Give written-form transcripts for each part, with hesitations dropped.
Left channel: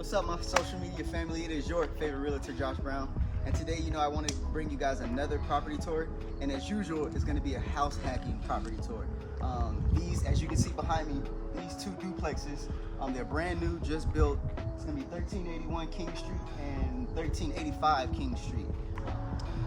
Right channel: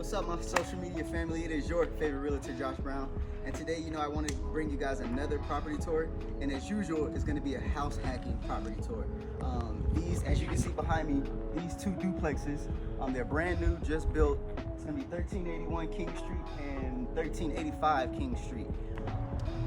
What's up, my social media family? It is your favorite realtor, Josh Brown. And today, I wanted to bring you guys another property tour. And as usual, it's going to be a house hacking property tour. These, as you can see behind me, these two duplexes, they're brand new, just built. It's going to be 1381 King Street and 1385 King Street.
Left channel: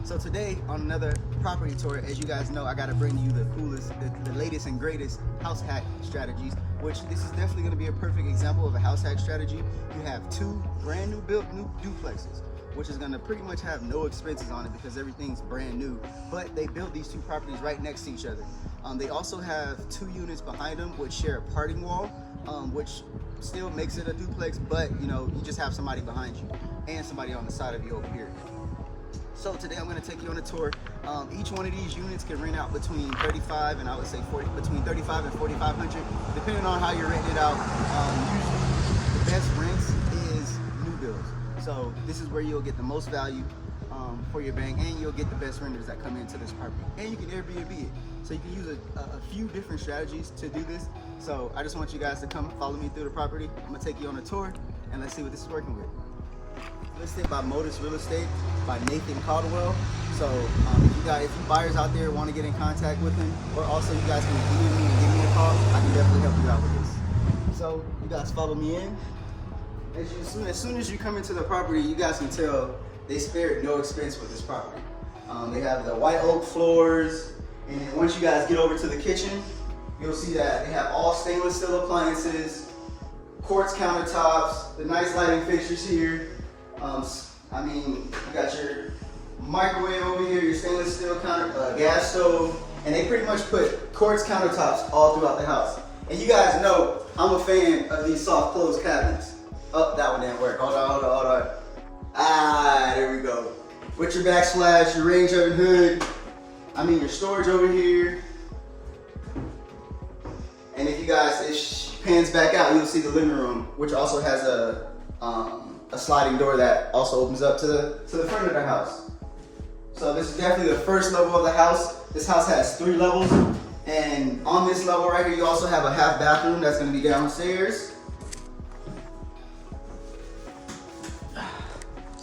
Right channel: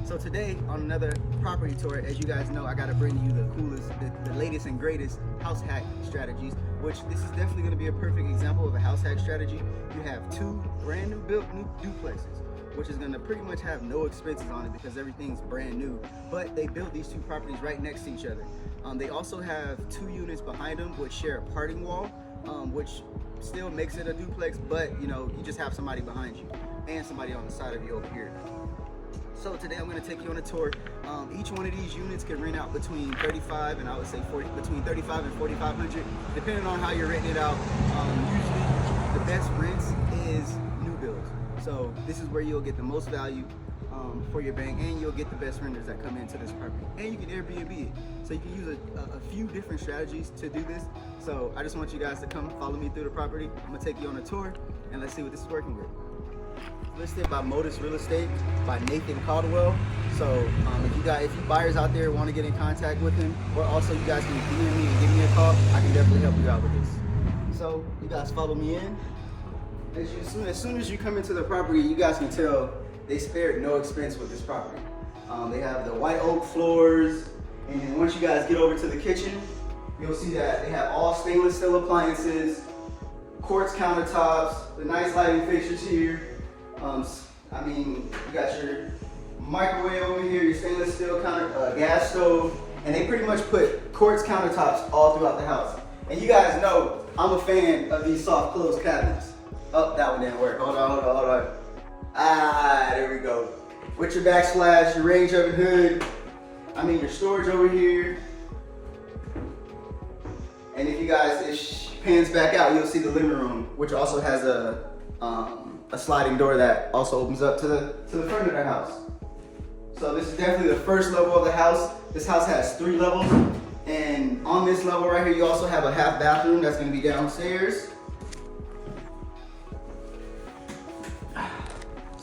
So today, on another property tour, as you guys know, I got to bring you the coolest, the latest and greatest house hack strategies, which this is definitely going to be a perfect example of a house hack strategy. You have two brand new built new duplexes, which is going to pretty much have no expenses on it because everything's brand new. But they built these two properties right next to each other. They also have two units behind them which share a parting wall, which still makes it a duplex, but you just have somebody behind you and somebody on the side of you over here. So today I'm going to take you on a tour. Each one of these units can rent out between 35 and I would say between 35 and 4,500, depending on how you're renting it out. Usually the best rents is new builds. So this is where you'll get the most value for your bank, and you'll get the best renters that come into this property. And you can Airbnb it. So you can use a few different strategies to do this. So I just want you guys to come follow me through the property. I'm going to take you on a tour and let's see what this is working with. Listed by Modus Real Estate by Nathan Caldwell. So if you buyers out there want to get in contact with him, or also you guys can DM me and give me a call, I can definitely help you out with this. So you guys follow me in. As soon as you come into the property, you guys can tell they spared no expense with this property. They have the white oak floors, and then once you guys get over to the kitchen, you'll see that they have all stainless steel appliances, quartz countertops, the nice lighting fixtures here. You got your microwave over here, your stainless steel gas stove, and they pretty much put quartz countertops all throughout the house. And you guys know I'm a fan of these soft close cabinets. Oh, that one didn't work. Hold on. There we go. With your backsplash, your range oven hood, your storage over here. And if you guys, it pans back out, you'll see the living room, which also has a sliding door that also opens up to the front of the house. So this is definitely the first level of the house. This house has 3 levels, and on this level right here, you also have a half bathroom that's going to be downstairs.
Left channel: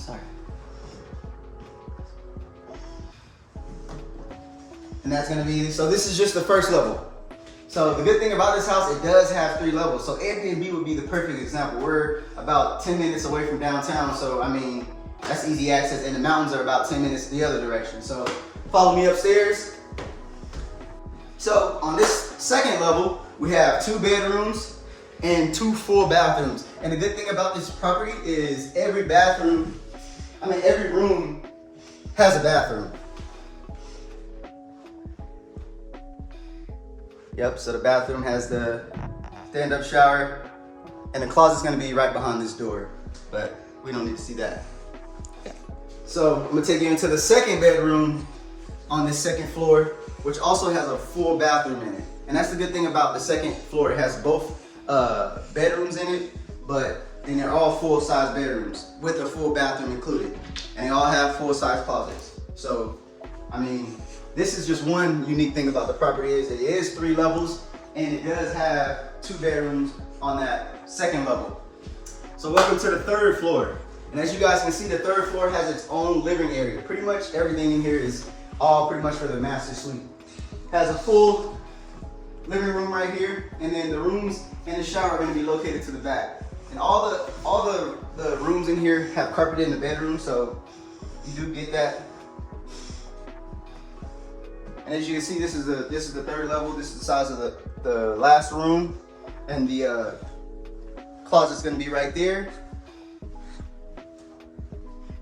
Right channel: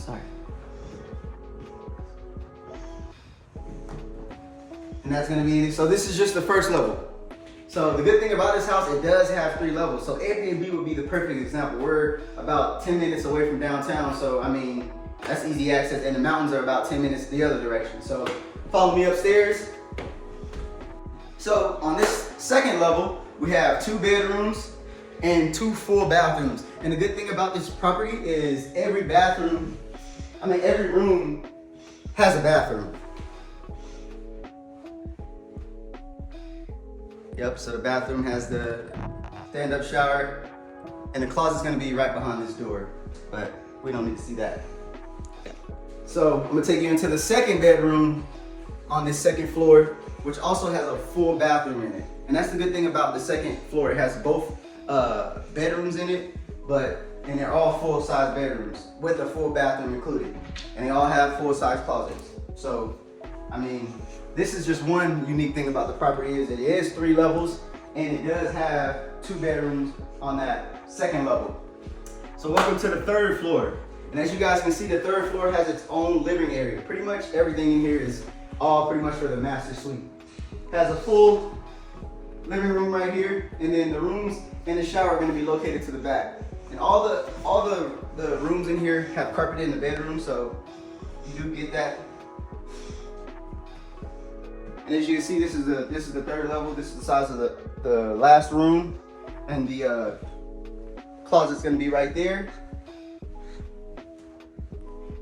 Sorry. And that's going to be, so this is just the first level. So the good thing about this house, it does have 3 levels. So Airbnb would be the perfect example. We're about 10 minutes away from downtown. So that's easy access, and the mountains are about 10 minutes the other direction. So follow me upstairs. So on this second level, we have 2 bedrooms and 2 full bathrooms. And the good thing about this property is every room has a bathroom. Yep, so the bathroom has the stand-up shower, and the closet's gonna be right behind this door, but we don't need to see that. So I'm gonna take you into the second bedroom on this second floor, which also has a full bathroom in it. And that's the good thing about the second floor. It has both bedrooms in it, and they're all full-size bedrooms with a full bathroom included. And they all have full-size closets. So, this is just one unique thing about the property is it is 3 levels, and it does have 2 bedrooms on that second level. So welcome to the third floor. And as you guys can see, the third floor has its own living area. Pretty much everything in here is all pretty much for the master suite. Has a full living room right here, and then the rooms and the shower are going to be located to the back. And all the rooms in here have carpet in the bedroom, so you do get that. And as you can see, this is the third level. This is the size of the last room, and the closet's gonna be right there.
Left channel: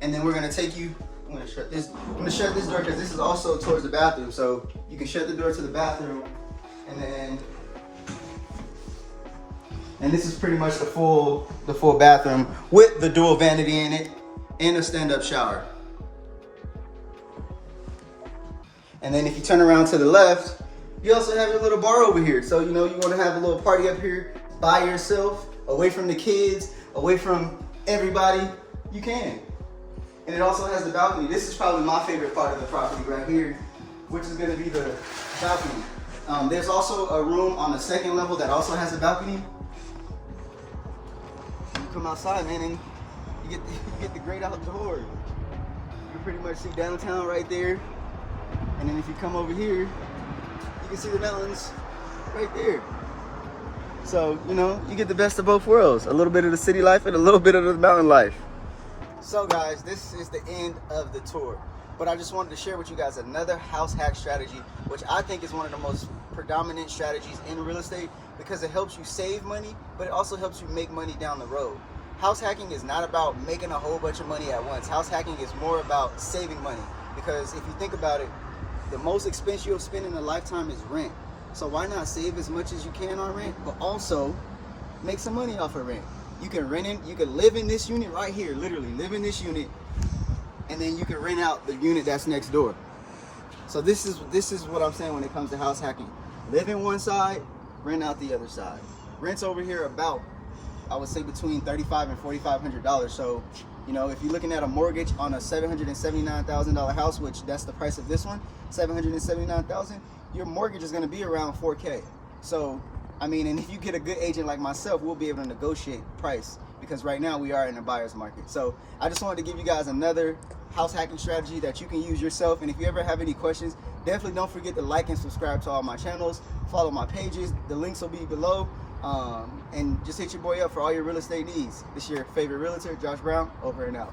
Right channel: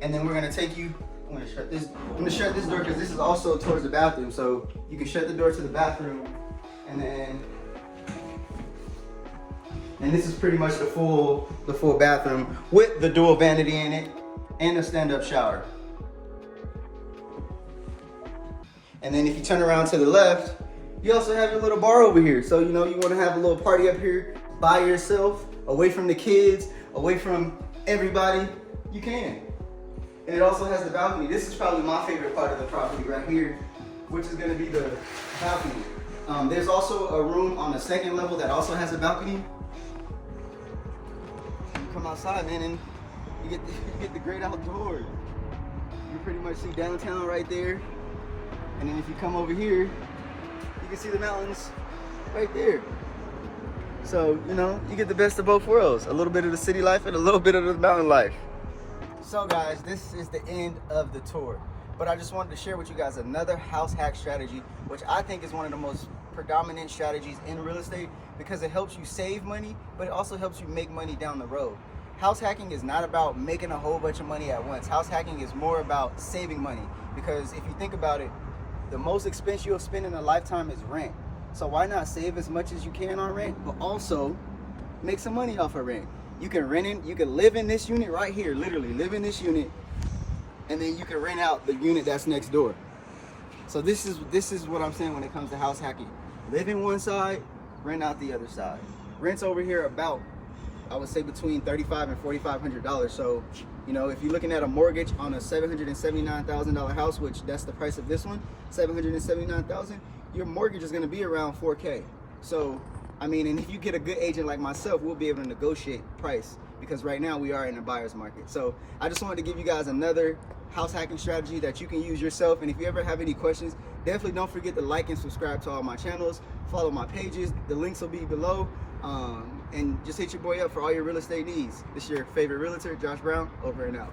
And then we're gonna take you. I'm gonna shut this door because this is also towards the bathroom, so you can shut the door to the bathroom, and this is pretty much the full bathroom with the dual vanity in it and a stand-up shower. And then if you turn around to the left, you also have your little bar over here. So, you want to have a little party up here by yourself, away from the kids, away from everybody, you can. And it also has the balcony. This is probably my favorite part of the property right here, which is going to be the balcony. There's also a room on the second level that also has a balcony. come outside, man, and you get the great outdoors. You pretty much see downtown right there, and then if you come over here, you can see the mountains right there. So, you know, you get the best of both worlds, a little bit of the city life and a little bit of the mountain life. So guys, this is the end of the tour, but I just wanted to share with you guys another house hack strategy, which I think is one of the most predominant strategies in real estate, because it helps you save money, but it also helps you make money down the road. House hacking is not about making a whole bunch of money at once. House hacking is more about saving money, because if you think about it, the most expense you'll spend in a lifetime is rent. So why not save as much as you can on rent, but also make some money off of rent? You can you can live in this unit right here, literally live in this unit, and then you can rent out the unit that's next door. So this is what I'm saying when it comes to house hacking. Live in one side, rent out the other side. Rents over here about, I would say, between $3,500 and $4,500. So, you know, if you're looking at a mortgage on a $779,000 house, which that's the price of this one, $779,000, your mortgage is going to be around $4K. So, I mean, and if you get a good agent like myself, we'll be able to negotiate price, because right now we are in a buyer's market. So I just wanted to give you guys another house hacking strategy that you can use yourself. And if you ever have any questions, definitely don't forget to like and subscribe to all my channels, follow my pages, the links will be below, and just hit your boy up for all your real estate needs. This is your favorite realtor, Josh Brown, over and out.